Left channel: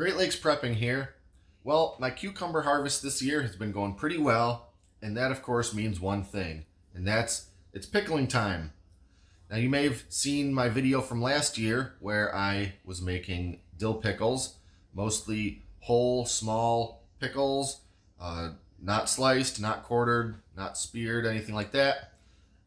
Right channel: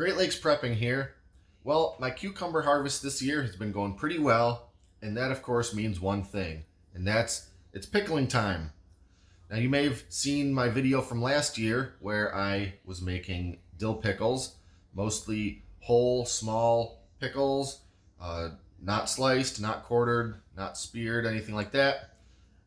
Great Lakes Prepping here. Well, my cucumber harvest this year has been going pretty well, and that of course means one thing, and that's it's pickling time. Now you may have seen my video from last year where I was making dill pickles, mostly whole, small pickles, not sliced, not quartered, not speared, anything like that.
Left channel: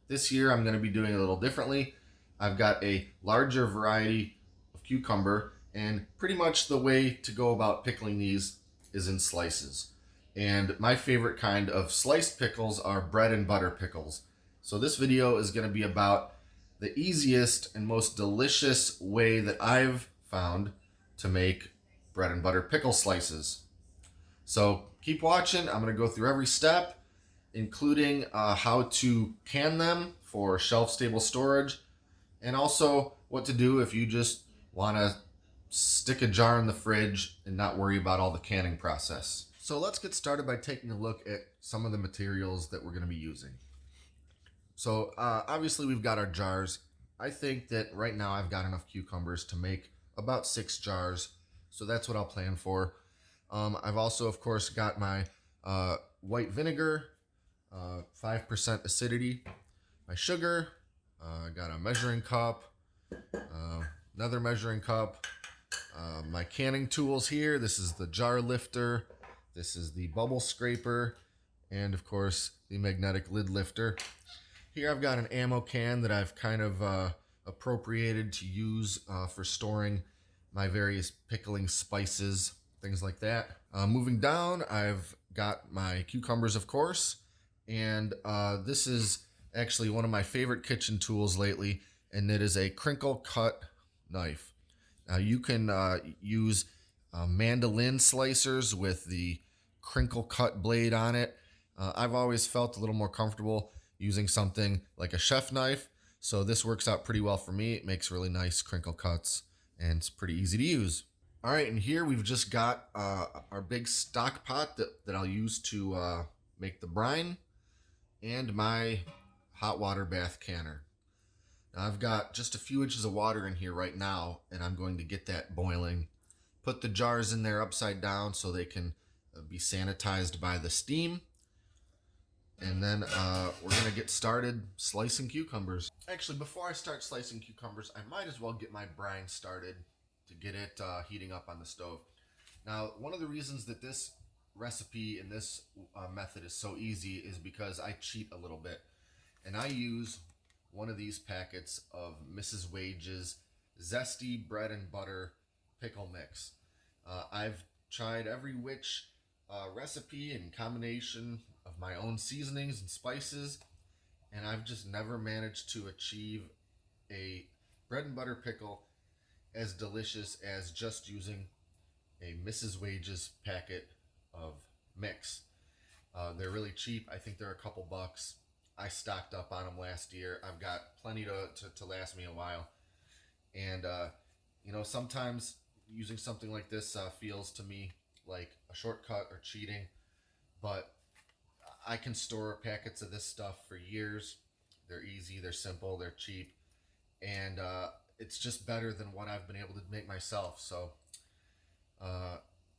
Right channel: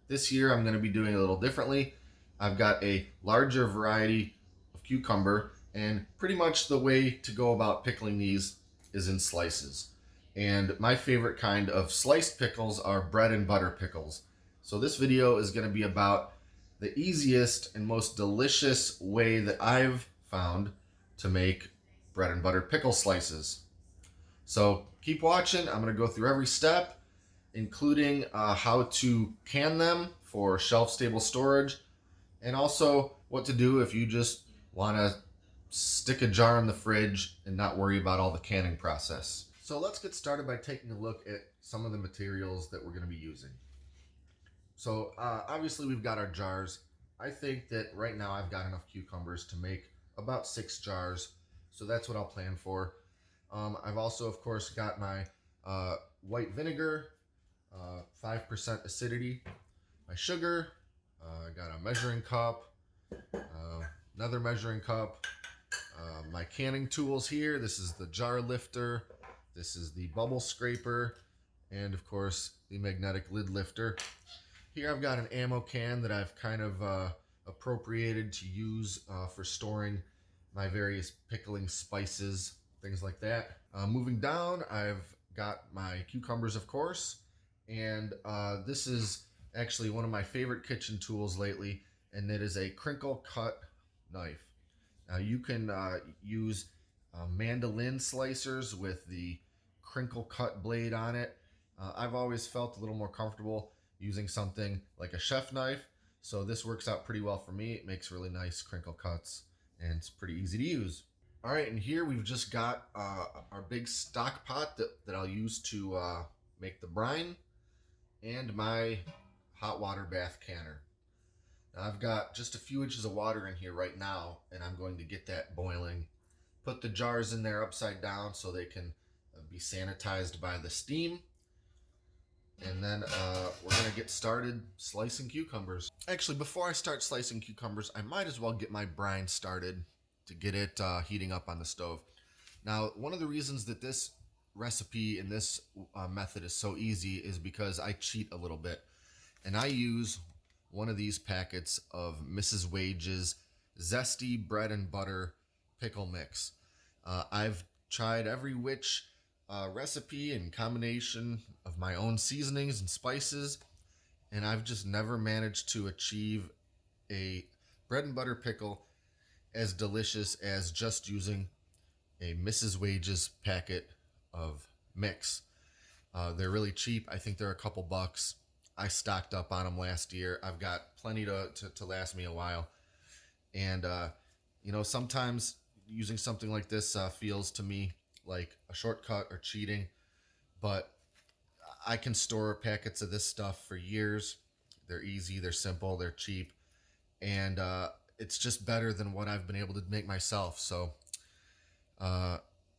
This year I'm going to be doing it a little differently. I've got a larger variety of cucumber, and pretty much the way to go about pickling these is in slices. And my favorite kind of sliced pickles are bread and butter pickles. So this video is going to be about the easiest and most delicious way that I've found to make bread and butter pickle slices. So keep watching. I'm going to go through every step, including how to can them for shelf-stable storage, and also what to do if you just want to stick a jar in the fridge and not worry about all the canning process. So let's get started by taking a look at some of the materials that we're going to be using. So obviously we've got our jars. I think that right now I've got enough cucumbers to make about 6 jars, so that's what I'll plan for. I've also, of course, got my white vinegar, 5% acidity, my sugar, I got a measuring cup, another measuring cup, my canning tools here. This is the jar lifter, this is the bubble scraper, and of course the magnetic lid lifter. Here I've got an ammo can that I've kind of appropriated to use for storing my various pickling spices, things like that. Moving down, I've got my cucumbers, of course, and this is actually one of my favorite kitchen tools lately, and it is a Crinkle Cut Knife. Now you can use mandolin slicers with the crinkle cut blade on it. I've always felt a little more comfortable using something like a chef knife, so this works out pretty well for me. It makes really nice crinkle cuts, and it's pretty easy to use. All right, and here we've just got our big stock pot that I'll use to make the brine, and my hot water bath canner. Now I've got just a few inches of water in here right now, and I'm going to get that boiling. Put the jars in there upside down so they can be sanitized by the steam. And then we're going to get started slicing cucumbers. Actually, before I start slicing cucumbers, I might as well get my brine started to get it heating up on the stove. Now, one of the reasons that this recipe and this method is so easy is because I cheat a little bit. And I use one of these packets of Mrs. Wage's Zesty Bread and Butter Pickle Mix. I've tried every which recipe and combination of my own seasonings and spices, and I've just never managed to achieve a bread and butter pickle as delicious as just using a Mrs. Wage's packet of mix. They're really cheap. I think they're a couple bucks. I stocked up on them last year. I've got plenty to last me a while. And, sometimes using something like this feels to me like a shortcut or cheating, but I can store packets of this stuff for years. They're easy, they're simple, they're cheap, and it's just better than what I've been able to make myself. So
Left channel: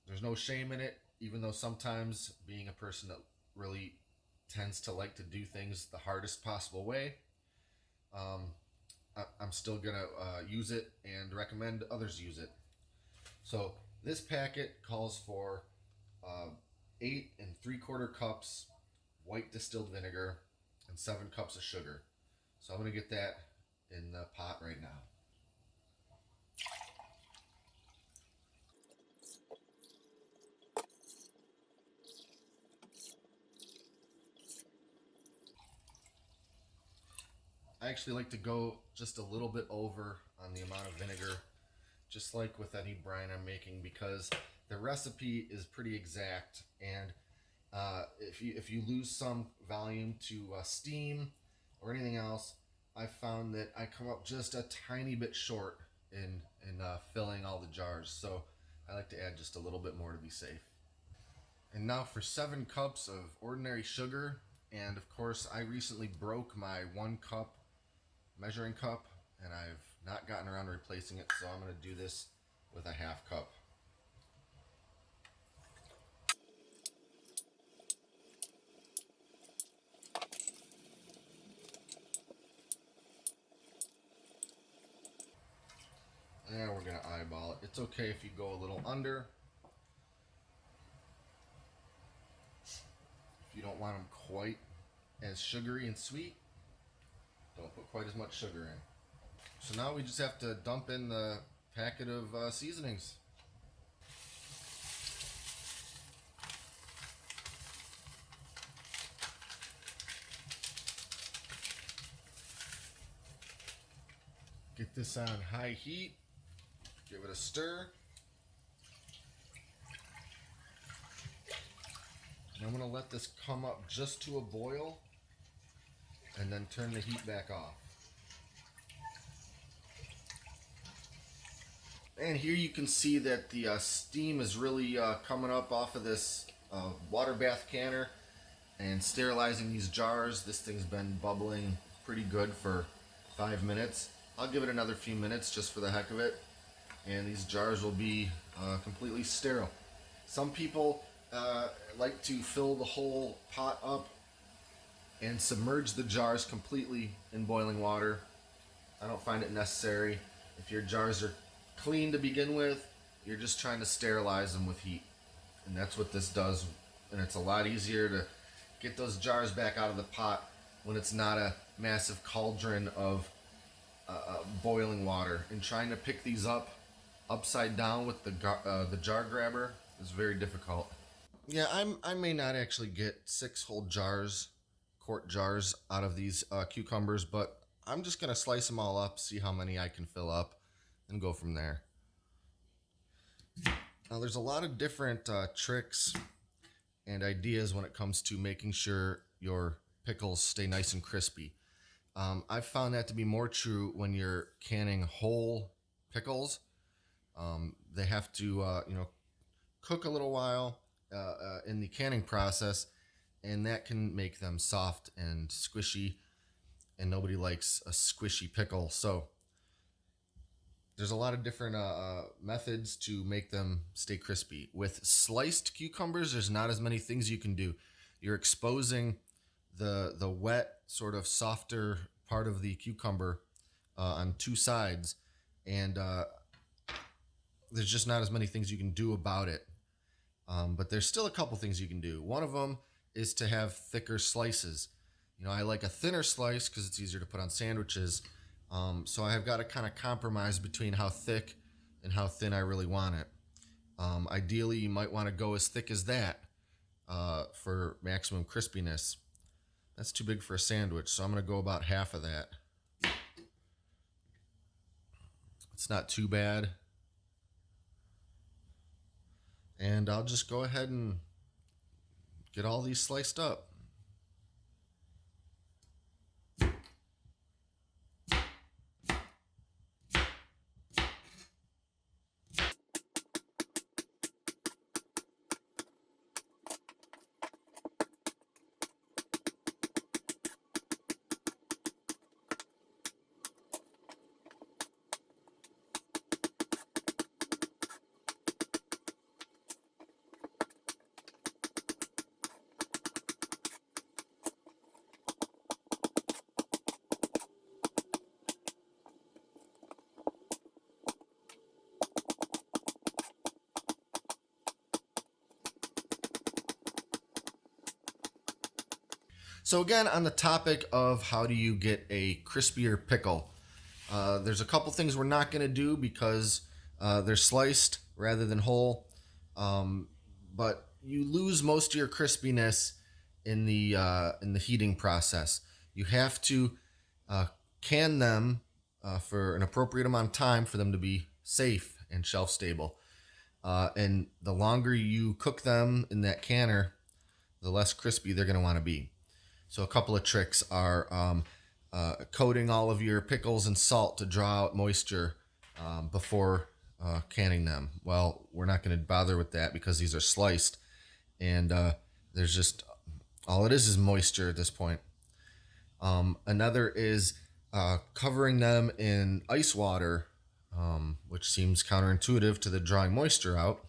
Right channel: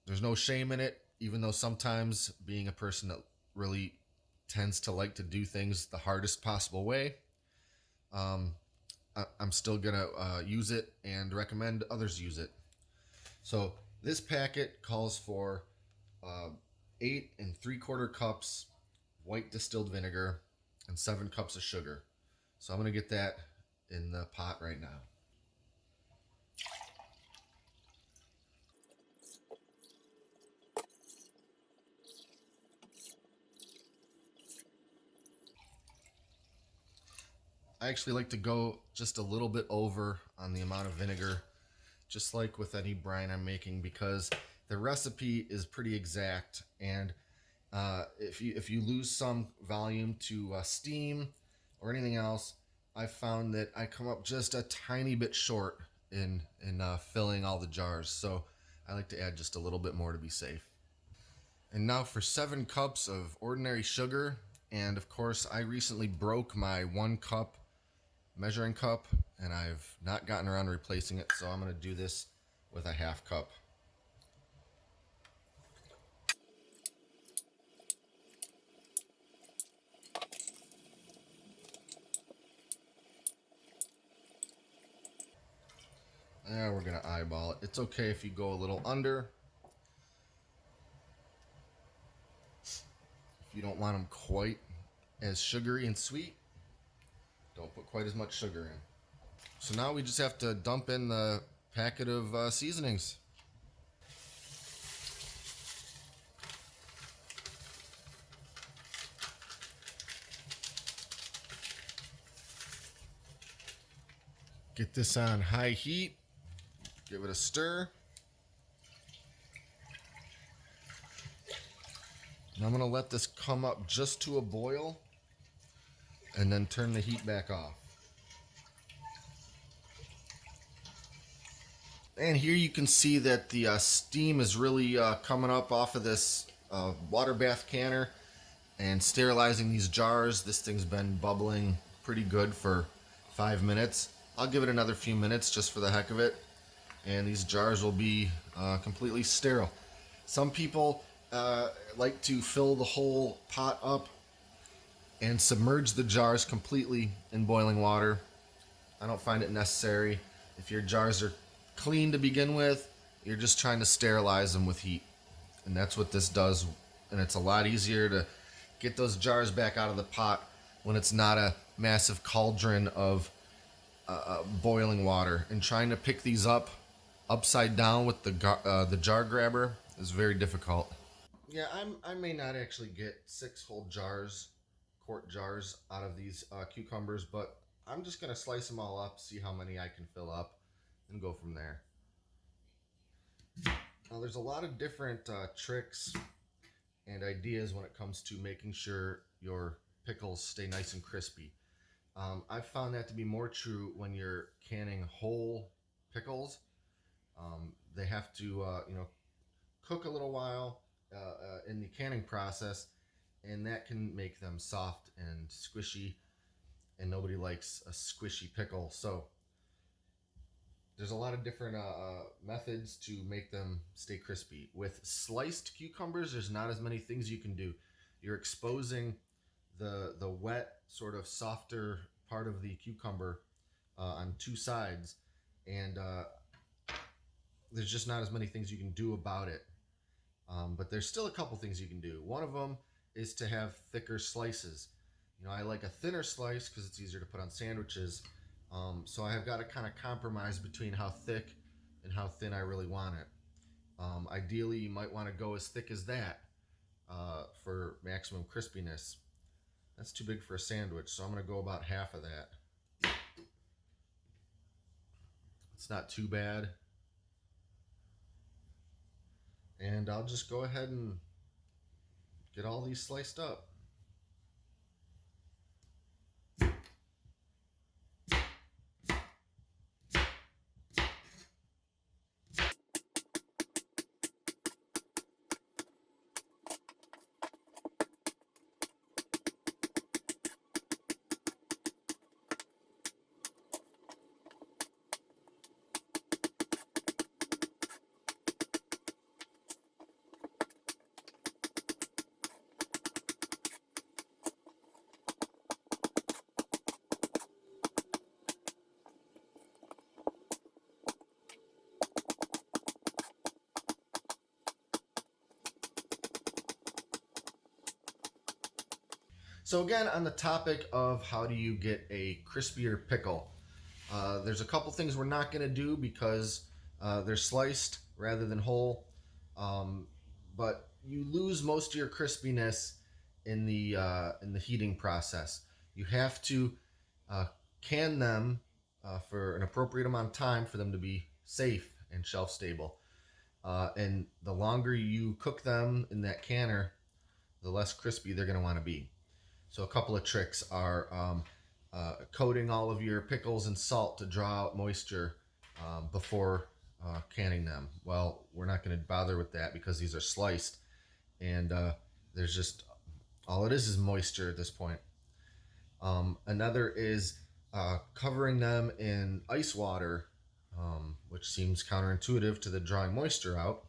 there's no shame in it, even though sometimes being a person that really tends to like to do things the hardest possible way, I'm still gonna use it and recommend others use it. So this packet calls for 8 3/4 cups white distilled vinegar and 7 cups of sugar. So I'm gonna get that in the pot right now. I actually like to go just a little bit over on the amount of vinegar, just like with any brine I'm making, because the recipe is pretty exact, and if you lose some volume to steam or anything else, I've found that I come up just a tiny bit short in filling all the jars, so I like to add just a little bit more to be safe. And now for 7 cups of ordinary sugar, and of course I recently broke my 1 cup measuring cup, and I've not gotten around to replacing it, so I'm going to do this with a 1/2 cup. eyeball it. It's okay if you go a little under. If you don't want them quite as sugary and sweet, don't put quite as much sugar in. So now we just have to dump in the packet of seasonings. Get this on high heat. Give it a stir. And I'm going to let this come up just to a boil and then turn the heat back off. And here you can see that the steam is really coming up off of this water bath canner and sterilizing these jars. This thing's been bubbling pretty good for 5 minutes. I'll give it another few minutes just for the heck of it, and these jars will be completely sterile. Some people like to fill the whole pot up and submerge the jars completely in boiling water. I don't find it necessary. If your jars are clean to begin with, you're just trying to sterilize them with heat, and that's what this does. And it's a lot easier to get those jars back out of the pot when it's not a massive cauldron of boiling water. And trying to pick these up upside down with the jar grabber is very difficult. Yeah, I may not actually get 6 whole jars, quart jars, out of these cucumbers, but I'm just gonna slice them all up, see how many I can fill up, and go from there. Now, there's a lot of different tricks and ideas when it comes to making sure your pickles stay nice and crispy. I've found that to be more true when you're canning whole pickles. They have to, cook a little while in the canning process, and that can make them soft and squishy, and nobody likes a squishy pickle. So there's a lot of different methods to make them stay crispy. With sliced cucumbers, there's not as many things you can do. You're exposing the wet, sort of softer part of the cucumber on 2 sides, and there's just not as many things you can do about it. But there's still a couple things you can do. One of them is to have thicker slices. I like a thinner slice because it's easier to put on sandwiches. So I have got to kind of compromise between how thick and how thin I really want it. Ideally, you might want to go as thick as that for maximum crispiness. That's too big for a sandwich, so I'm going to go about half of that. It's not too bad. And I'll just go ahead and get all these sliced up. So again, on the topic of how do you get a crispier pickle, there's a couple things we're not going to do because they're sliced rather than whole. But you lose most of your crispiness in the heating process. You have to can them for an appropriate amount of time for them to be safe and shelf stable. And the longer you cook them in that canner, the less crispy they're going to want to be. So a couple of tricks are coating all of your pickles in salt to draw out moisture before canning them. Well, we're not going to bother with that because these are sliced, and there's just, all it is moisture at this point. Another is covering them in ice water, which seems counterintuitive to the drawing moisture out.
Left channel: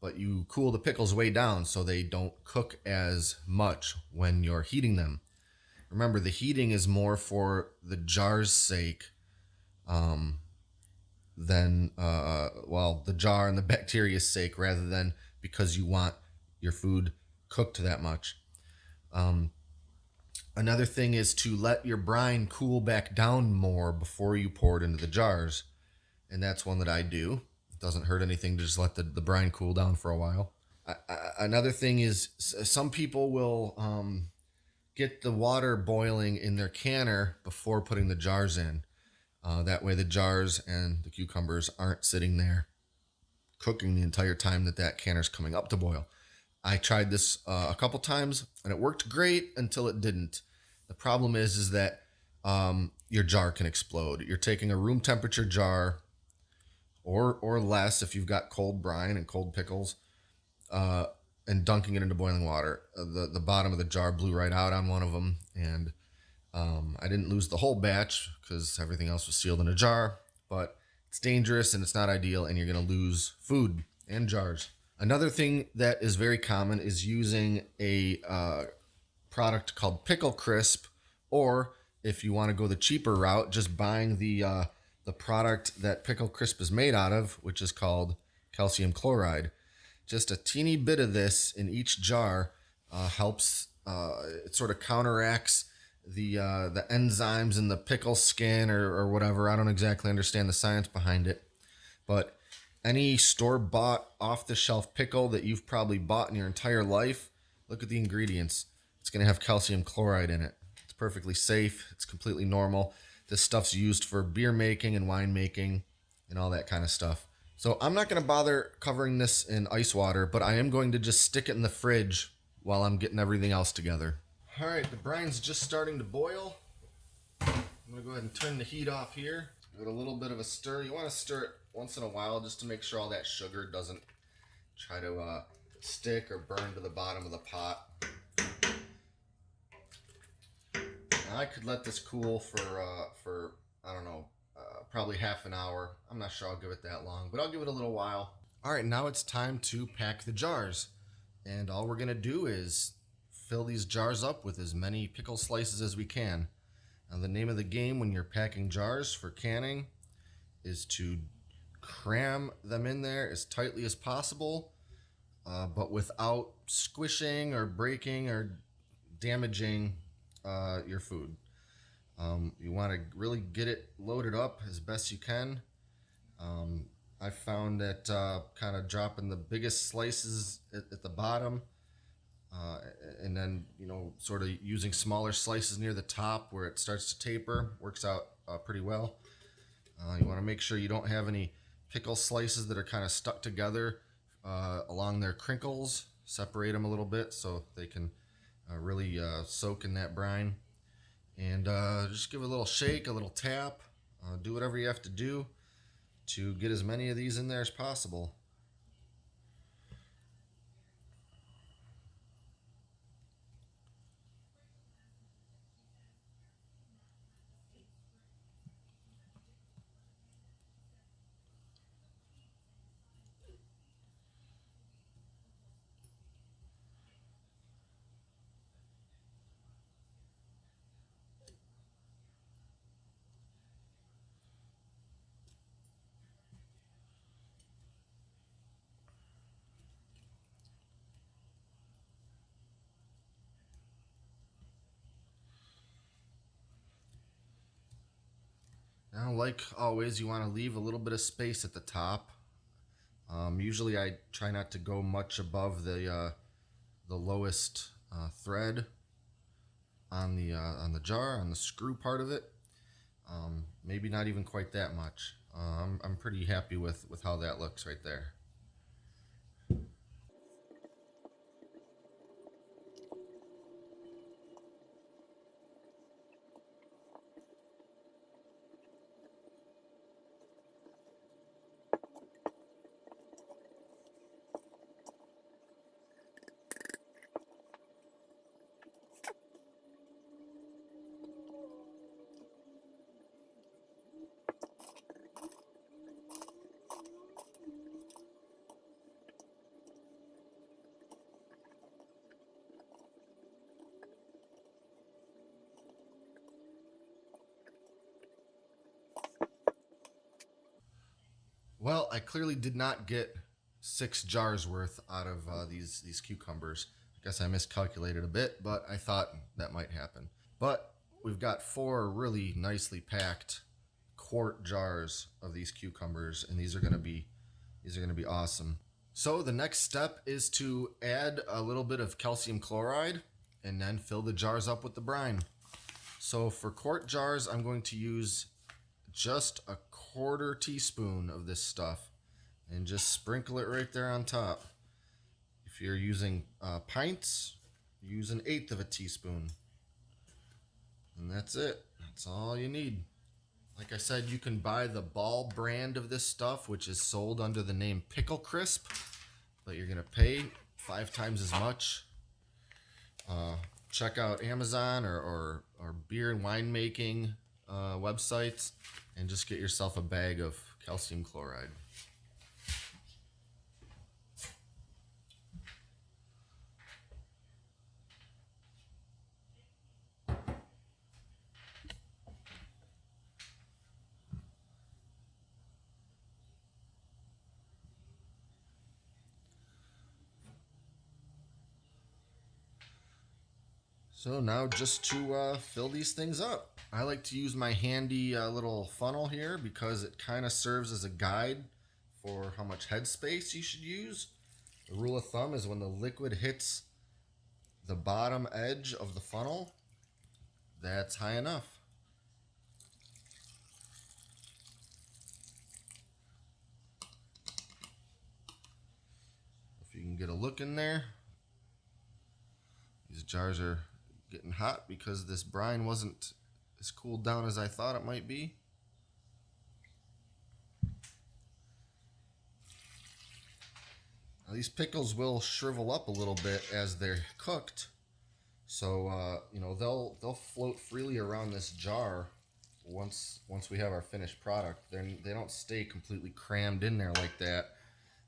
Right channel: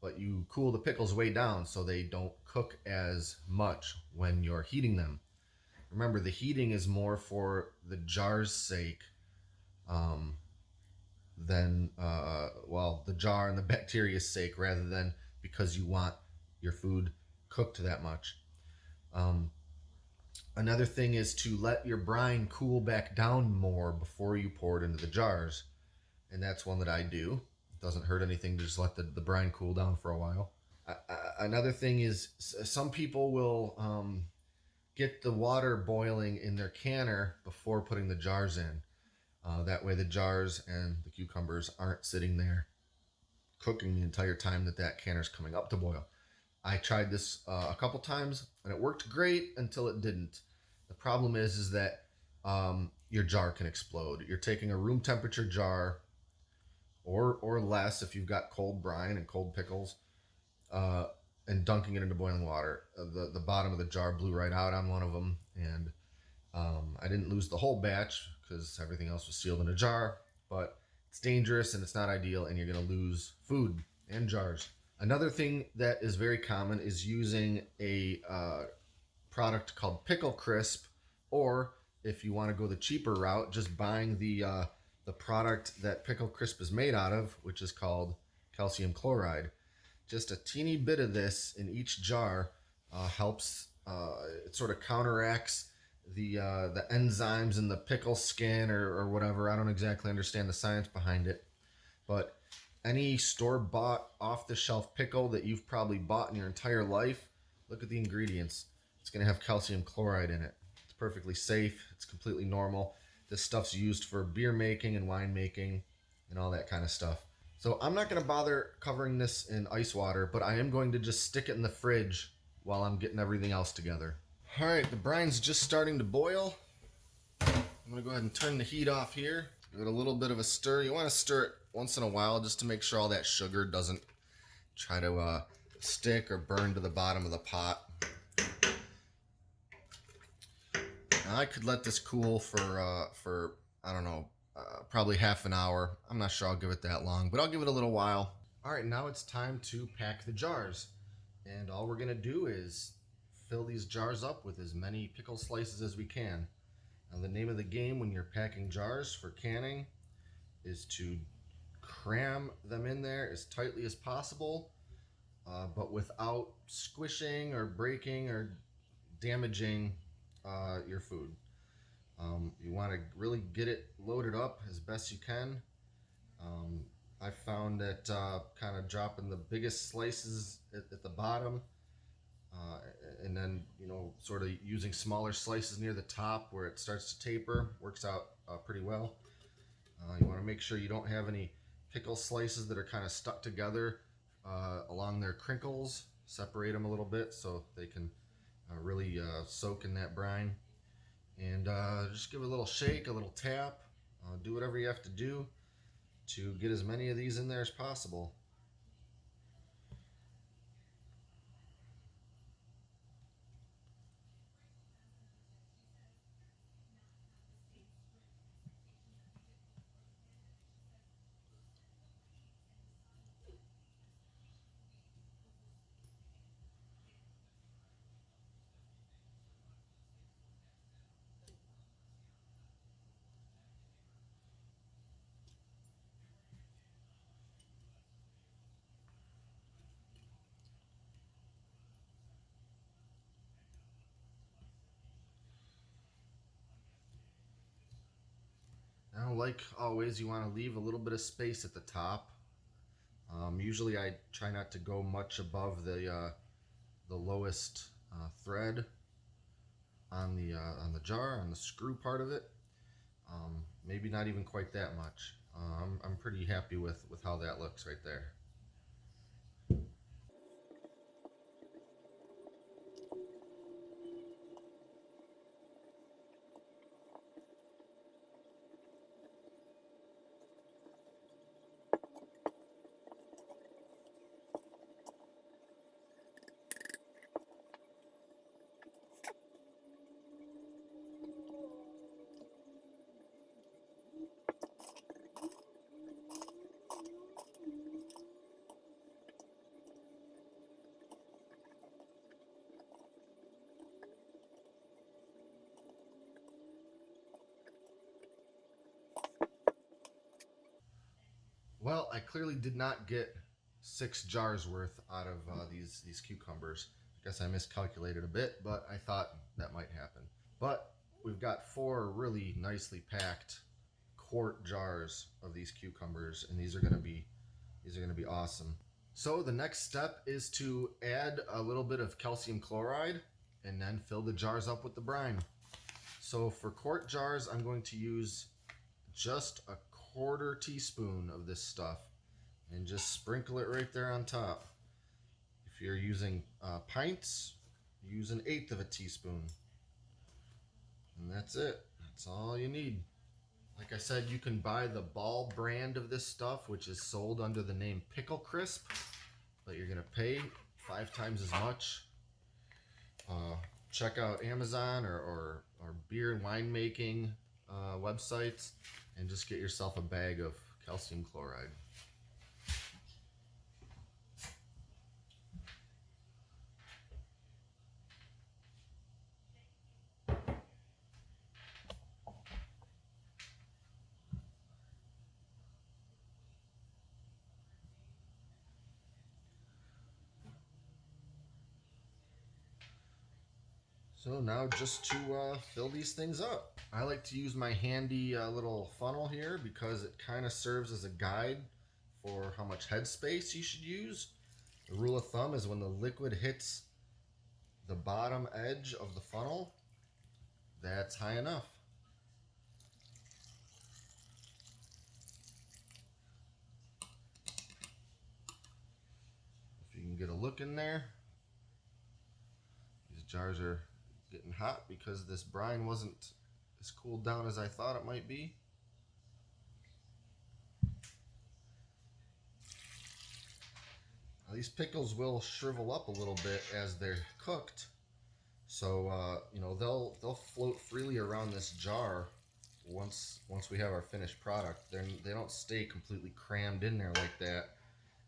But you cool the pickles way down so they don't cook as much when you're heating them. Remember, the heating is more for the jar's sake than well, the jar and the bacteria's sake, rather than because you want your food cooked that much. Another thing is to let your brine cool back down more before you pour it into the jars, and that's one that I do. It doesn't hurt anything to just let the brine cool down for a while. Another thing is some people will get the water boiling in their canner before putting the jars in. That way the jars and the cucumbers aren't sitting there cooking the entire time that canner's coming up to boil. I tried this a couple times and it worked great until it didn't. The problem is that your jar can explode. You're taking a room temperature jar or less if you've got cold brine and cold pickles, and dunking it into boiling water. The bottom of the jar blew right out on one of them, and I didn't lose the whole batch because everything else was sealed in a jar, but it's dangerous and it's not ideal, and you're going to lose food and jars. Another thing that is very common is using a product called Pickle Crisp, or if you want to go the cheaper route, just buying the product that Pickle Crisp is made out of, which is called calcium chloride. Just a teeny bit of this in each jar helps. It sort of counteracts the enzymes in the pickle skin or whatever. I don't exactly understand the science behind it, but any store-bought, off-the-shelf pickle that you've probably bought in your entire life, look at the ingredients. It's going to have calcium chloride in it. It's perfectly safe. It's completely normal. This stuff's used for beer making and wine making and all that kind of stuff. So I'm not going to bother covering this in ice water, but I am going to just stick it in the fridge while I'm getting everything else together. All right, the brine's just starting to boil. I'm going to go ahead and turn the heat off here. Give it a little bit of a stir. You want to stir it once in a while just to make sure all that sugar doesn't try to stick or burn to the bottom of the pot. Now I could let this cool for I don't know, probably half an hour. I'm not sure I'll give it that long, but I'll give it a little while. All right, now it's time to pack the jars. And all we're going to do is fill these jars up with as many pickle slices as we can. Now, the name of the game when you're packing jars for canning is to cram them in there as tightly as possible, but without squishing or breaking or damaging your food. You want to really get it loaded up as best you can. I found that kind of dropping the biggest slices at the bottom, and then sort of using smaller slices near the top where it starts to taper works out pretty well. You want to make sure you don't have any pickle slices that are kind of stuck together along their crinkles. Separate them a little bit so they can really soak in that brine. And just give it a little shake, a little tap. Do whatever you have to do to get as many of these in there as possible. Now, like always, you want to leave a little bit of space at the top. Usually I try not to go much above the lowest thread on the jar, on the screw part of it. Maybe not even quite that much. I'm pretty happy with how that looks right there. Well, I clearly did not get 6 jars worth out of these cucumbers. I guess I miscalculated a bit, but I thought that might happen. But we've got 4 really nicely packed quart jars of these cucumbers, and these are gonna be awesome. So the next step is to add a little bit of calcium chloride and then fill the jars up with the brine. So for quart jars, I'm going to use just a 1/4 teaspoon of this stuff and just sprinkle it right there on top. If you're using pints, use 1/8 of a teaspoon. And that's it. That's all you need. Like I said, you can buy the Ball brand of this stuff, which is sold under the name Pickle Crisp, but you're going to pay 5 times as much. Check out Amazon or beer and winemaking websites and just get yourself a bag of calcium chloride. So now just to fill these things up. I like to use my handy little funnel here because it kind of serves as a guide for how much headspace you should use. The rule of thumb is when the liquid hits the bottom edge of the funnel, that's high enough. If you can get a look in there, these jars are getting hot because this brine wasn't as cooled down as I thought it might be. Now, these pickles will shrivel up a little bit as they're cooked, so you know, they'll float freely around this jar once we have our finished product. They don't stay completely crammed in there like that,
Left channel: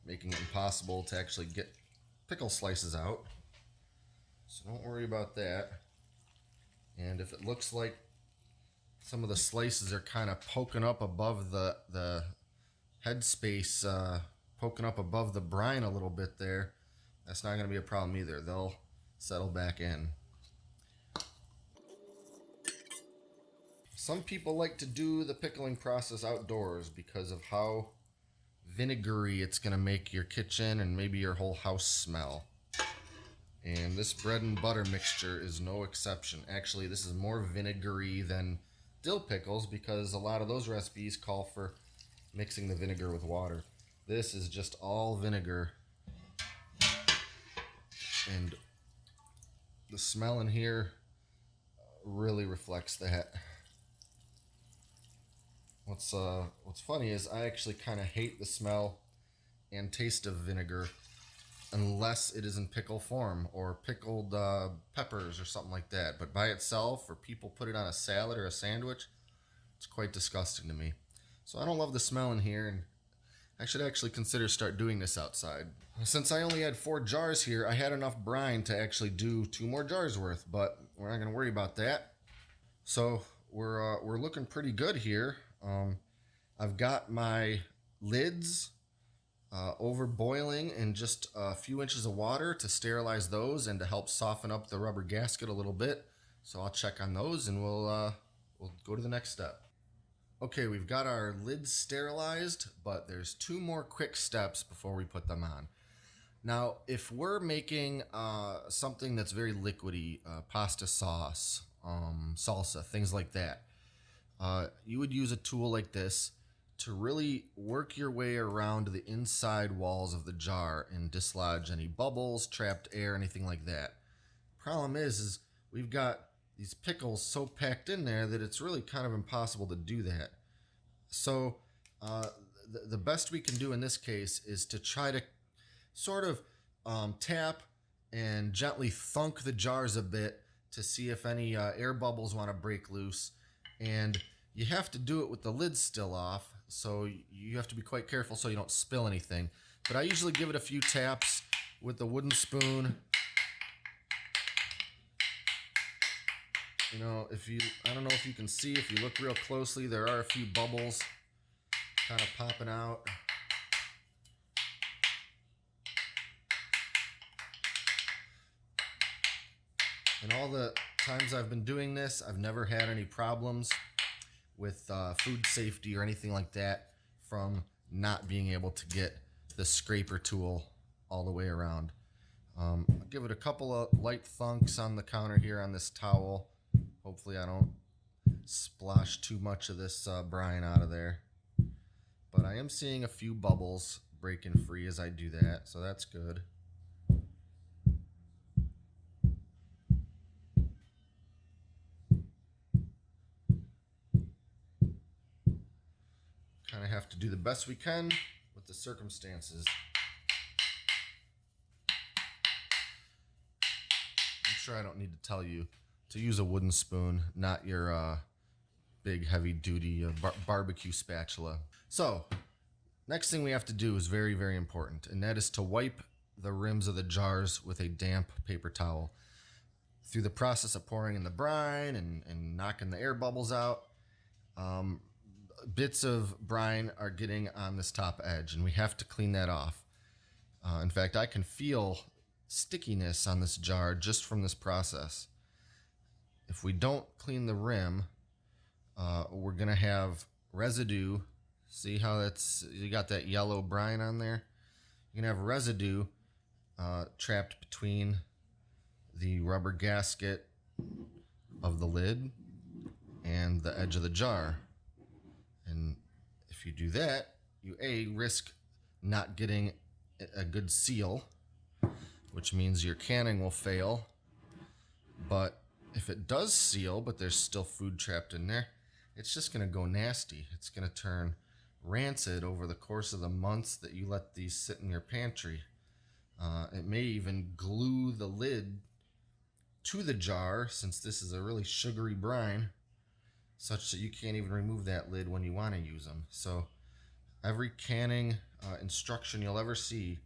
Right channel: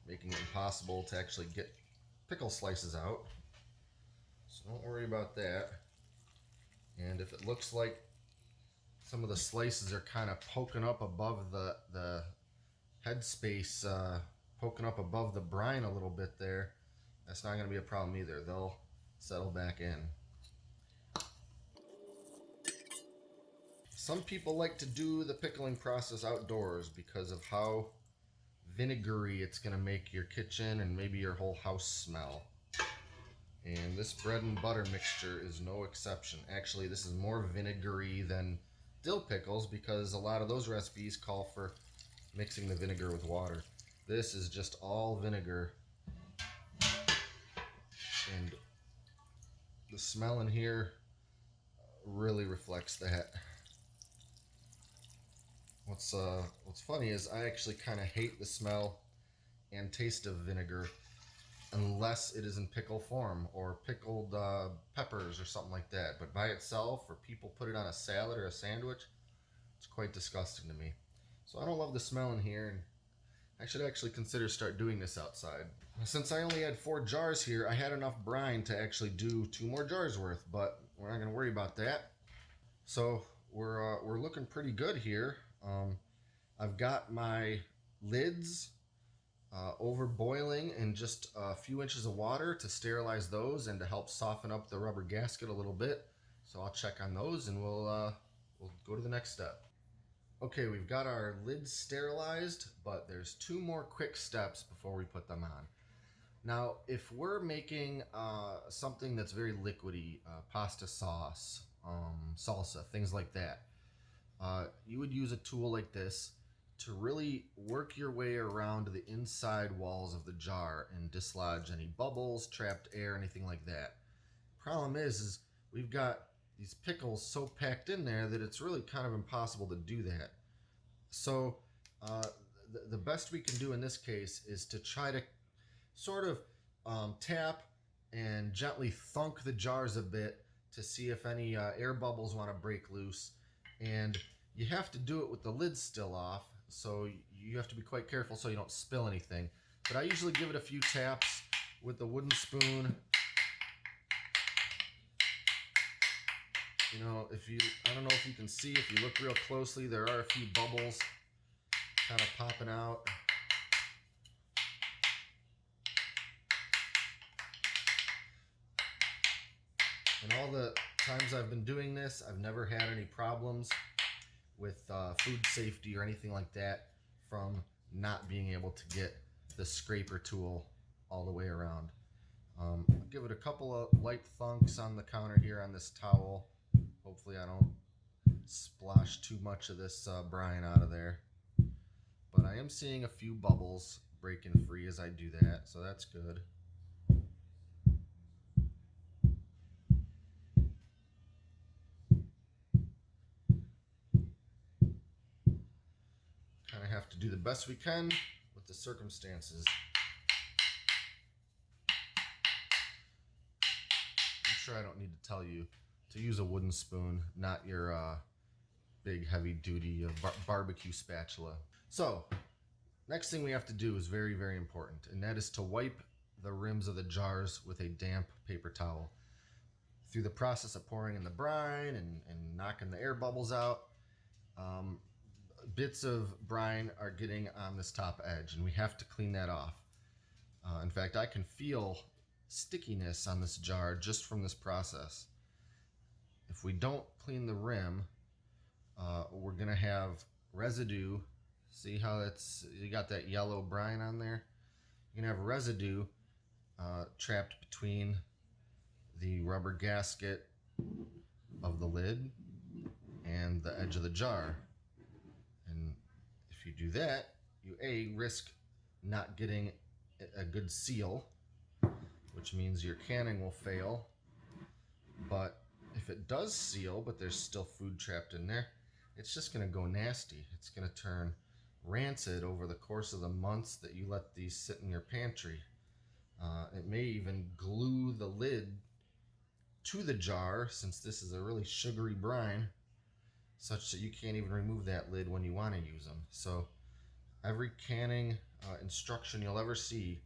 making it impossible to actually get pickle slices out. So don't worry about that. And if it looks like some of the slices are kind of poking up above the headspace, poking up above the brine a little bit there, that's not going to be a problem either. They'll settle back in. Some people like to do the pickling process outdoors because of how vinegary it's going to make your kitchen and maybe your whole house smell. And this bread and butter mixture is no exception. Actually, this is more vinegary than dill pickles because a lot of those recipes call for mixing the vinegar with water. This is just all vinegar. And the smell in here really reflects that. What's funny is I actually kind of hate the smell and taste of vinegar unless it is in pickle form or pickled peppers or something like that. But by itself, or people put it on a salad or a sandwich, it's quite disgusting to me. So I don't love the smell in here, and I should actually consider start doing this outside. Since I only had 4 jars here, I had enough brine to actually do 2 more jars worth, but we're not going to worry about that. So we're looking pretty good here. I've got my lids over boiling in just a few inches of water to sterilize those and to help soften up the rubber gasket a little bit. So I'll check on those and we'll go to the next step. Okay, we've got our lids sterilized, but there's 2 more quick steps before we put them on. Now, if we're making something that's very liquidy, pasta sauce, salsa, things like that, you would use a tool like this to really work your way around the inside walls of the jar and dislodge any bubbles, trapped air, anything like that. Problem is we've got these pickles so packed in there that it's really kind of impossible to do that. So the best we can do in this case is to try to sort of tap and gently thunk the jars a bit to see if any air bubbles want to break loose. And you have to do it with the lid still off, so you have to be quite careful so you don't spill anything. But I usually give it a few taps with the wooden spoon. You know, I don't know if you can see, if you look real closely, there are a few bubbles kind of popping out. In all the times I've been doing this, I've never had any problems with food safety or anything like that from not being able to get the scraper tool all the way around. I'll give it a couple of light thunks on the counter here on this towel. Hopefully I don't splash too much of this brine out of there. But I am seeing a few bubbles breaking free as I do that, so that's good. Kind of have to do the best we can with the circumstances. I'm sure I don't need to tell you to use a wooden spoon, not your big heavy duty barbecue spatula. So next thing we have to do is very, very important, and that is to wipe the rims of the jars with a damp paper towel. Through the process of pouring in the brine and knocking the air bubbles out, bits of brine are getting on this top edge, and we have to clean that off. In fact, I can feel stickiness on this jar just from this process. If we don't clean the rim, we're gonna have residue. See how you got that yellow brine on there? You're gonna have residue trapped between the rubber gasket of the lid and the edge of the jar. And if you do that, you risk not getting a good seal, which means your canning will fail. But if it does seal, but there's still food trapped in there, it's just going to go nasty. It's going to turn rancid over the course of the months that you let these sit in your pantry. It may even glue the lid to the jar, since this is a really sugary brine, such that you can't even remove that lid when you want to use them. So every canning instruction you'll ever see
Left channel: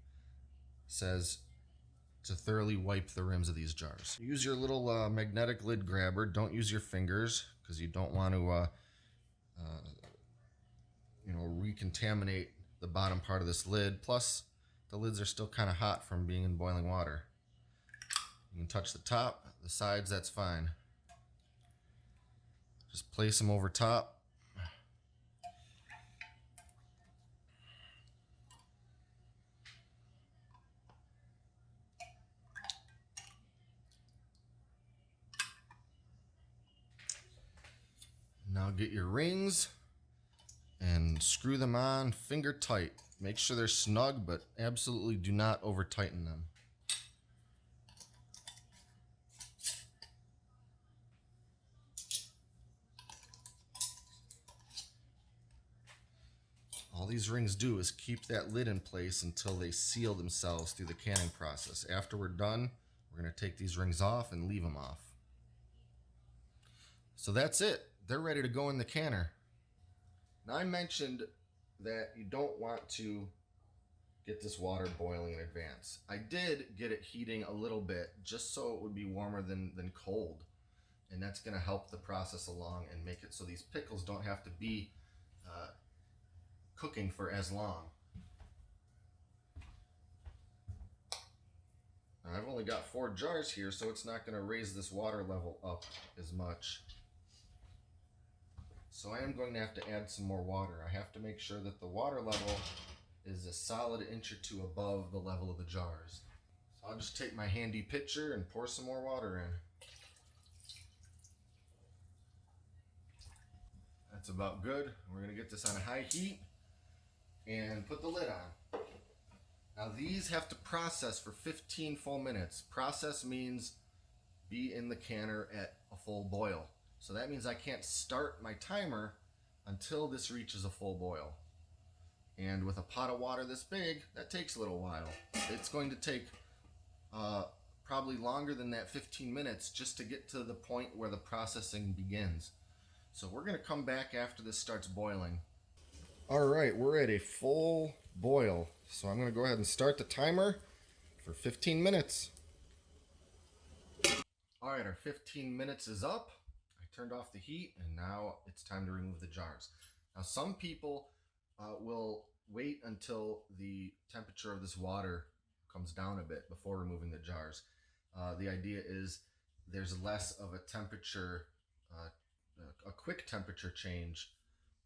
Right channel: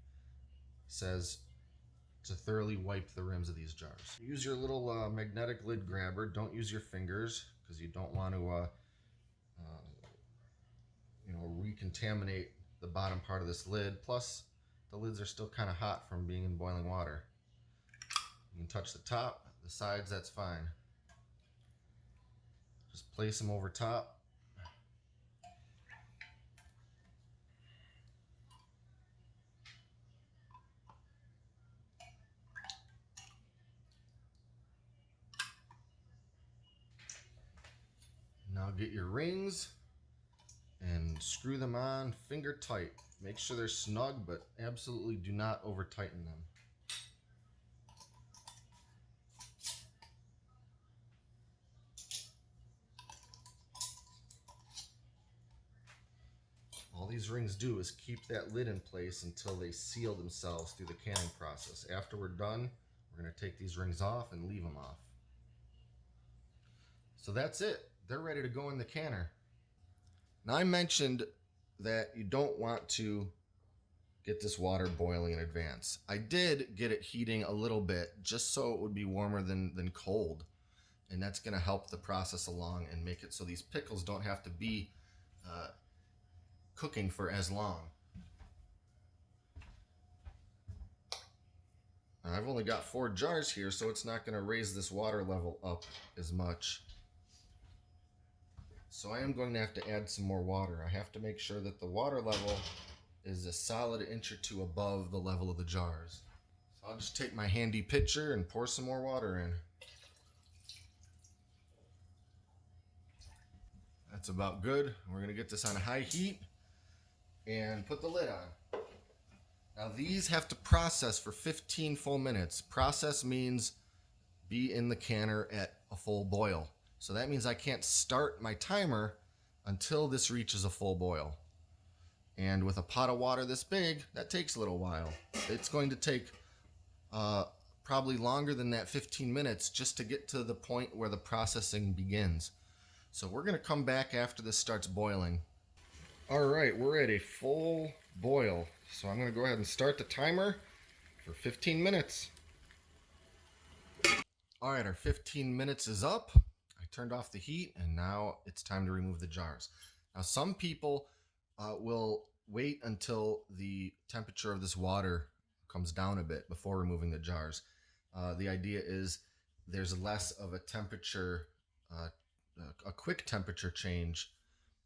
says to thoroughly wipe the rims of these jars. Use your little magnetic lid grabber. Don't use your fingers, because you don't want to recontaminate the bottom part of this lid. Plus, the lids are still kind of hot from being in boiling water. You can touch the top, the sides, that's fine. Just place them over top. Now get your rings and screw them on finger tight. Make sure they're snug, but absolutely do not over tighten them. All these rings do is keep that lid in place until they seal themselves through the canning process. After we're done, we're going to take these rings off and leave them off. So that's it. They're ready to go in the canner. Now, I mentioned that you don't want to get this water boiling in advance. I did get it heating a little bit just so it would be warmer than cold. And that's going to help the process along and make it so these pickles don't have to be cooking for as long. Now, I've only got 4 jars here, so it's not going to raise this water level up as much. So I am going to have to add some more water. I have to make sure that the water level is a solid inch or 2 above the level of the jars. So I'll just take my handy pitcher and pour some more water in. That's about good. We're going to get this on high heat and put the lid on. Now these have to process for 15 full minutes. Process means be in the canner at a full boil. So that means I can't start my timer until this reaches a full boil. And with a pot of water this big, that takes a little while. It's going to take probably longer than that 15 minutes just to get to the point where the processing begins. So we're going to come back after this starts boiling. All right, we're at a full boil. So I'm going to go ahead and start the timer for 15 minutes. All right, our 15 minutes is up. I turned off the heat, and now it's time to remove the jars. Now, some people will wait until the temperature of this water comes down a bit before removing the jars. The idea is there's less of a temperature, a quick temperature change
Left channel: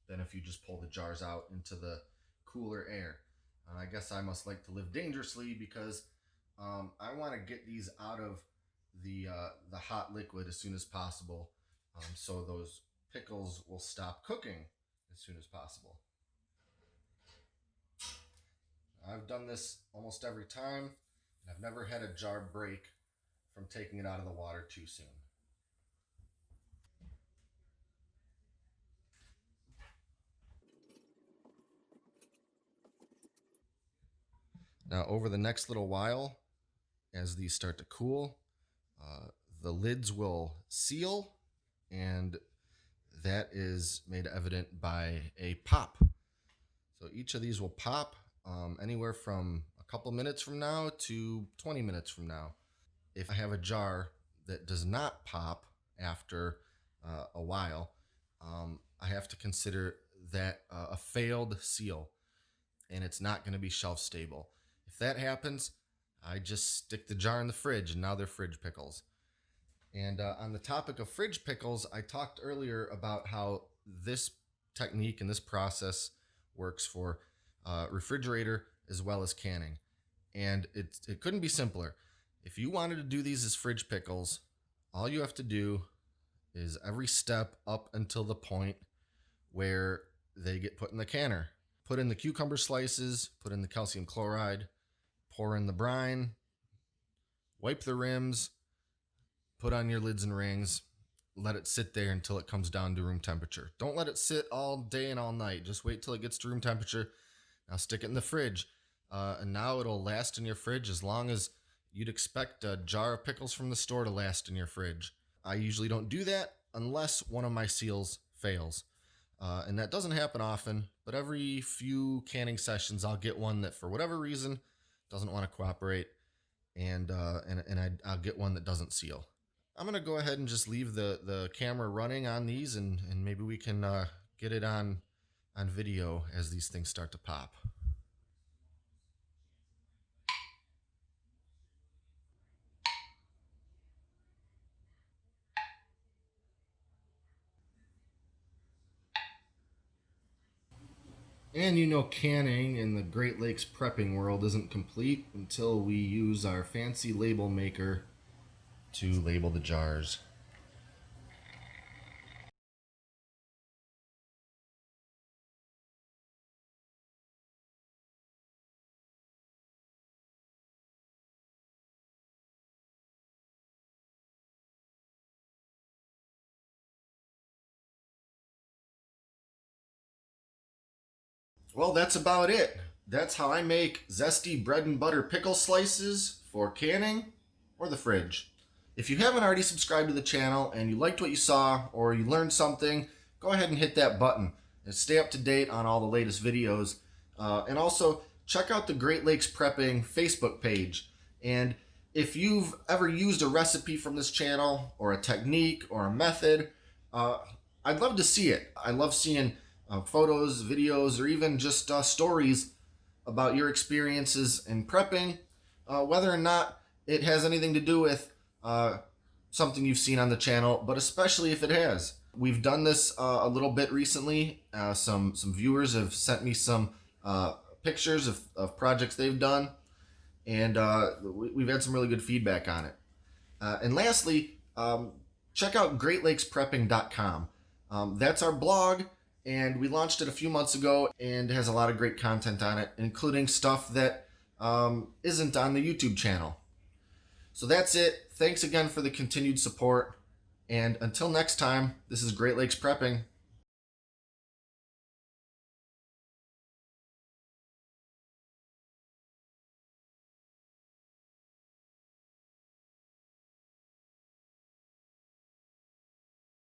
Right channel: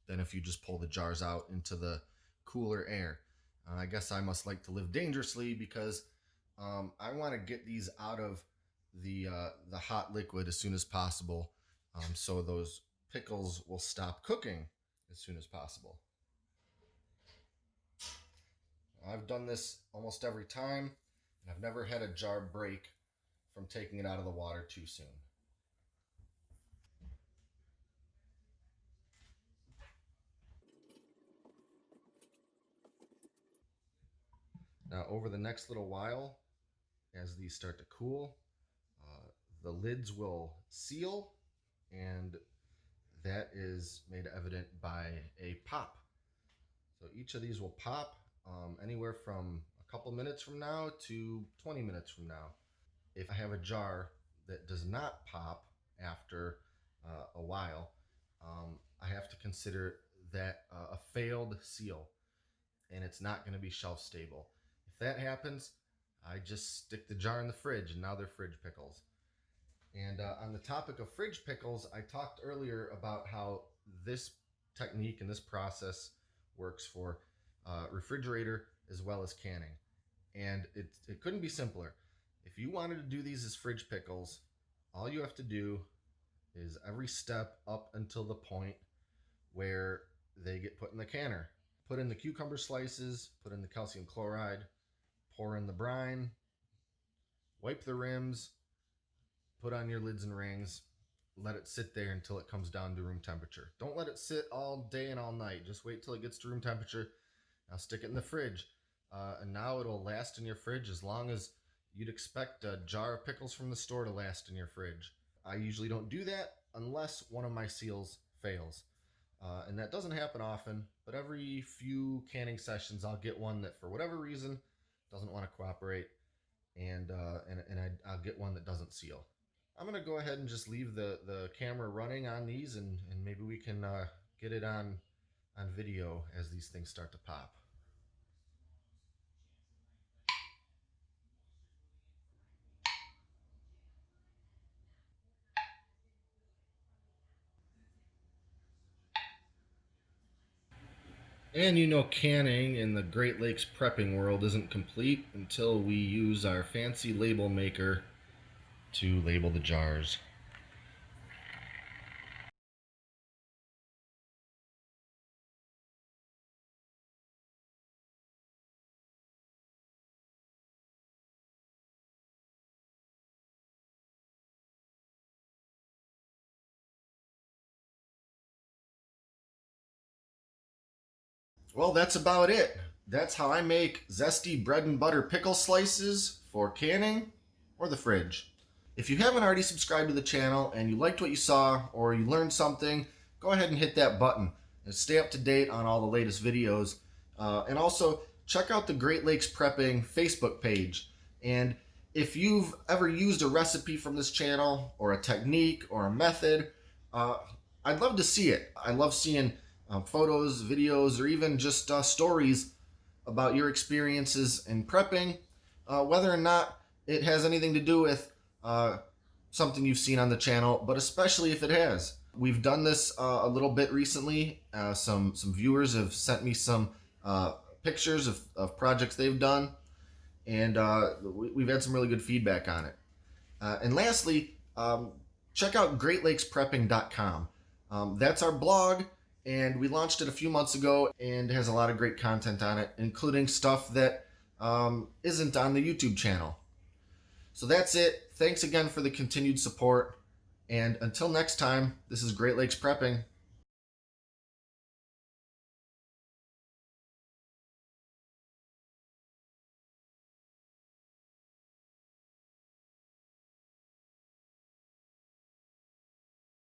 than if you just pull the jars out into the cooler air. I guess I must like to live dangerously because I want to get these out of the hot liquid as soon as possible, so those pickles will stop cooking as soon as possible. I've done this almost every time, and I've never had a jar break from taking it out of the water too soon. Now, over the next little while, as these start to cool, the lids will seal, and that is made evident by a pop. So each of these will pop anywhere from a couple minutes from now to 20 minutes from now. If I have a jar that does not pop after a while, I have to consider that a failed seal, and it's not going to be shelf stable. If that happens, I just stick the jar in the fridge, and now they're fridge pickles. And on the topic of fridge pickles, I talked earlier about how this technique and this process works for refrigerator as well as canning. And it couldn't be simpler. If you wanted to do these as fridge pickles, all you have to do is every step up until the point where they get put in the canner. Put in the cucumber slices, put in the calcium chloride, pour in the brine, wipe the rims, put on your lids and rings, let it sit there until it comes down to room temperature. Don't let it sit all day and all night. Just wait till it gets to room temperature. Now stick it in the fridge. And now it'll last in your fridge as long as you'd expect a jar of pickles from the store to last in your fridge. I usually don't do that unless one of my seals fails. And that doesn't happen often, but every few canning sessions I'll get one that for whatever reason doesn't want to cooperate, and I'll get one that doesn't seal. I'm going to go ahead and just leave the camera running on these, and maybe we can get it on video as these things start to pop. And you know, canning in the Great Lakes prepping world isn't complete until we use our fancy label maker to label the jars. Well, that's about it. That's how I make zesty bread and butter pickle slices for canning or the fridge. If you haven't already subscribed to the channel and you liked what you saw or you learned something, go ahead and hit that button and stay up to date on all the latest videos. And also check out the Great Lakes Prepping Facebook page. And if you've ever used a recipe from this channel or a technique or a method, I'd love to see it. I love seeing photos, videos, or even just stories about your experiences in prepping, whether or not it has anything to do with something you've seen on the channel, but especially if it has. We've done this a little bit recently. Some viewers have sent me some pictures of projects they've done, and we've had some really good feedback on it. And lastly, check out greatlakesprepping.com. That's our blog, and we launched it a few months ago and has a lot of great content on it, including stuff that isn't on the YouTube channel. So that's it. Thanks again for the continued support. And until next time, this is Great Lakes Prepping.